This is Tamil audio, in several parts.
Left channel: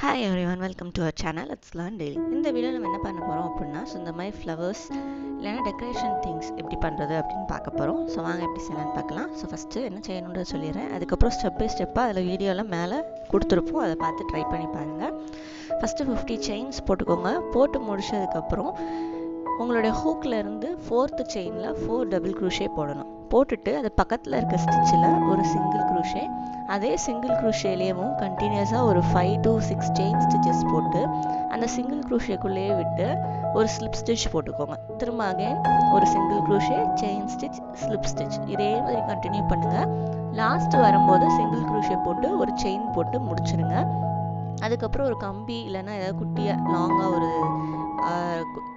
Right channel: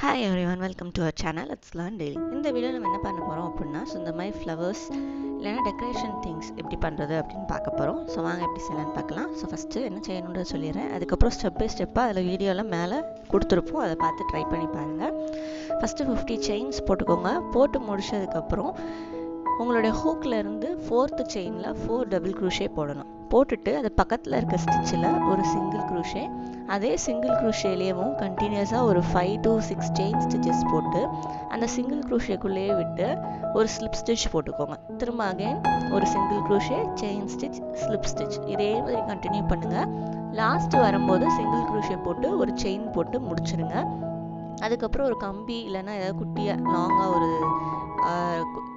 Hi everyone, welcome to our channel. Let's learn daily. இந்த வீடியோ நம்ம என்ன பண்ண போறோம் அப்படின்னா இந்த மாதிரி ஃப்ளவர்ஸ் இல்லைன்னா டெக்கரேஷன் திங்ஸ் எப்படி பண்ணுறது அப்படின்னு பார்க்க போகிறோம். ஸோ வாங்க எப்படி செய்யலான்னு பார்க்கலாம். ஸோ ஃபஸ்ட்டு என்ன செய்யணுன்றதை சொல்லிடுறேன். அதுக்கப்புறம் ஸ்டெப் பை ஸ்டெப்பாக அதில் வீடியோவில் மேலே கொடுத்துருப்போம். அதை பார்த்து ட்ரை பண்ணி பாருங்கள். ஃபஸ்ட்டு 50 செயின்ஸ் போட்டுக்கோங்க. போட்டு முடிச்சதுக்கப்புறம் உங்களுடைய ஹூக்கில் இருந்து 4th செயினில் 4 டபுள் க்ரூஷே போடணும். போட்டுட்டு அது பக்கத்தில் இருக்க ஸ்டிச்சில் ஒரு சிங்கிள் க்ரூஷே, அதே சிங்கிள் க்ரூஷேலேயும் கண்டினியூஸாக ஒரு 5 to 6 செயின் ஸ்டிச்சஸ் போட்டு அந்த சிங்கிள் க்ரூஷேக்குள்ளேயே விட்டு ஒரு ஸ்லிப் ஸ்டிச் போட்டுக்கோங்க. திரும்ப அகைன் ஒரு single crochet, chain stitch, slip stitch, இதே மாதிரி கண்டினியூ பண்ணுங்கள். லாஸ்ட்டு வரும்போது சிங்கிள் க்ரூஷே போட்டு ஒரு செயின் போட்டு முடிச்சிருங்க. அதுக்கப்புறம் ஒரு கம்பி இல்லைன்னா ஏதாவது குட்டியாக லாங்காக ஒரு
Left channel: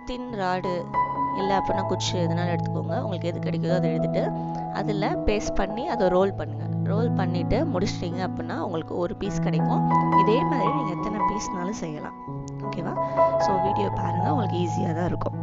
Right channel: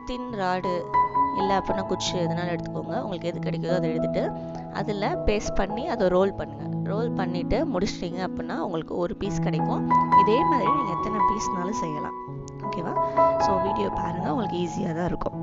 தின் ராடு இல்லை அப்படின்னா குச்சி எதுனாலும் எடுத்துக்கோங்க. உங்களுக்கு எது கிடைக்குதோ அதை எடுத்துகிட்டு அதில் பேஸ்ட் பண்ணி அதை ரோல் பண்ணுங்கள். ரோல் பண்ணிவிட்டு முடிச்சிட்டிங்க அப்படின்னா உங்களுக்கு ஒரு பீஸ் கிடைக்கும். இதே மாதிரி நீங்கள் எத்தனை பீஸ்னாலும் செய்யலாம். ஓகேவா? ஸோ வீடியோ பாருங்கள், உங்களுக்கு ஈஸியாக தான் இருக்கும்.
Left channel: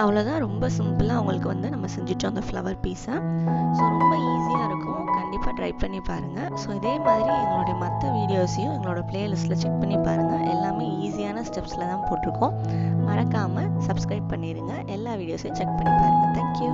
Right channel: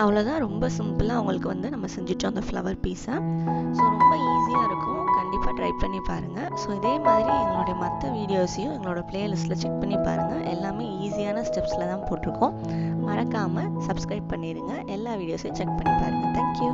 அவ்வளோதான், ரொம்ப சிம்பிளாக உங்களுக்கு வந்து நம்ம செஞ்சுட்டோம் அந்த ஃப்ளவர் பீஸை. ஸோ ரொம்ப ஈஸியாக இருக்கும், கண்டிப்பாக ட்ரை பண்ணி பாருங்கள். ஸோ இதே மாதிரி எங்களுடைய மற்ற வீடியோஸையும் எங்களோட ப்ளேலிஸ்ட்டில் செக் பண்ணி பாருங்கள். எல்லாமே ஈஸியான ஸ்டெப்ஸில் தான் போட்டிருக்கோம். மறக்காமல் சப்ஸ்கிரைப் பண்ணிடுங்க. எல்லா வீடியோஸையும் செக் பண்ணி பாருங்கள். தேங்க்யூ.